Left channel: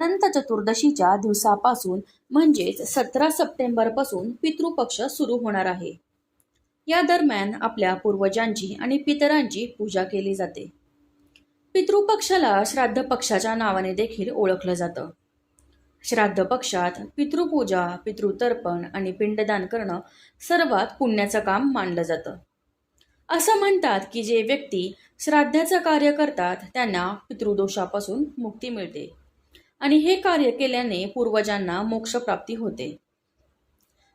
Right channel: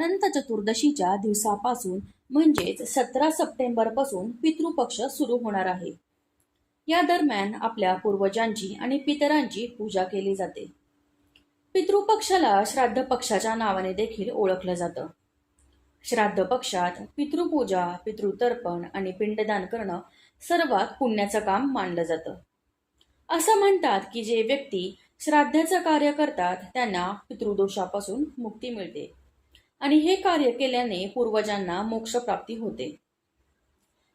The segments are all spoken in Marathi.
अनंत चतुर्दशीच्या दिवसापासून म्हणजेच सतरा सप्टेंबरपासून पितृपक्ष सुरू होणार आहे. या दरम्यान आपल्या पूर्वजांची आणि पितरांची पूजा केली जाते. पितृपक्षाला श्राद्ध पक्षाच्या नावाने देखील ओळखलं जातं. श्राद्ध पक्षात पितृपूजा पितृतर्पण आणि पिंडदान करणं सर्वात पुण्याचं काम मानलं जातं. असं म्हणतात की जे व्यक्ती श्राद्धाचं कार्य करतात त्यांना पितृदोषापासून मुक्ती मिळते. आणि हे कार्य केल्याने पूर्वजांना मोक्षप्राप्ती होते.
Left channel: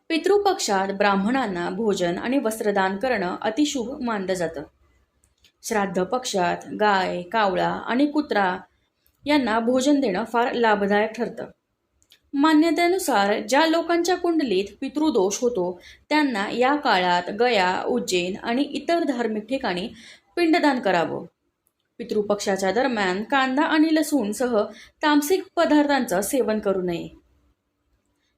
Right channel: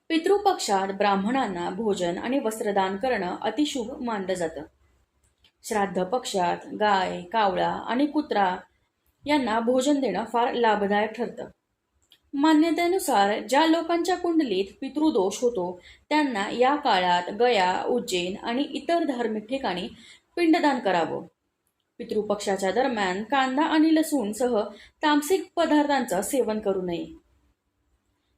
पितृपक्षात ब्राह्मणांना भोजन आणि वस्त्रदान करणं अतिशुभ मानलं जातं. श्राद्ध पक्षात गाय कावळा आणि कुत्रा यांना भोजन देणं फार लाभदायक ठरतं. मान्यतेनुसार ज्या लोकांच्या कुंडलीत पितृदोष होतो त्यांना या काळात गया उज्जैन आणि इतर धार्मिक ठिकाणी पिंडदान करावं. पितृपक्षाच्या दरम्यान कांदा आणि लसूणसह तामसिक पदार्थांचं सेवन करू नये.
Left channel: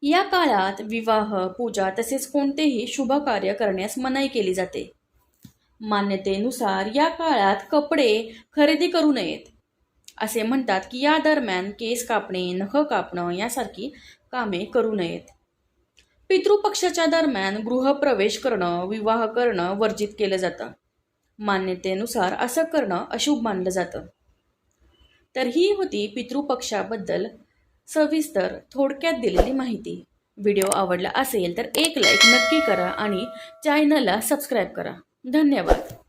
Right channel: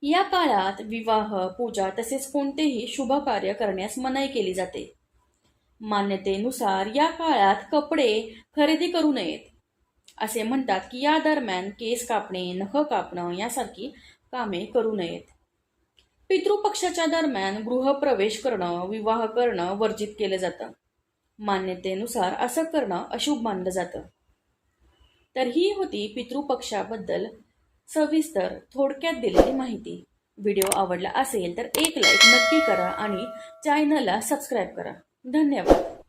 या काळात विवाह पूजा तसेच कोणतेही शुभ कार्य करण्यास मनाई केली जाते. मान्यतेनुसार या काळात कपडे खरेदी करू नयेत. असे म्हणतात की या दरम्यान केस कापणे नख कापणं यासारखी कामे करू नयेत. पितृपक्षाच्या दरम्यान गृहप्रवेश करणं विवाह करणं वर्जित केलं जातं. मान्यतेनुसार असं करणं अशुभ मानलं जातं. तर ही होती पितृपक्षाबद्दल सविस्तर थोडक्यात दिलेली माहिती. व्हिडिओ आवडला असेल तर एक लाईक नक्की करा आणि चॅनलला सबस्क्राईब करा. धन्यवाद.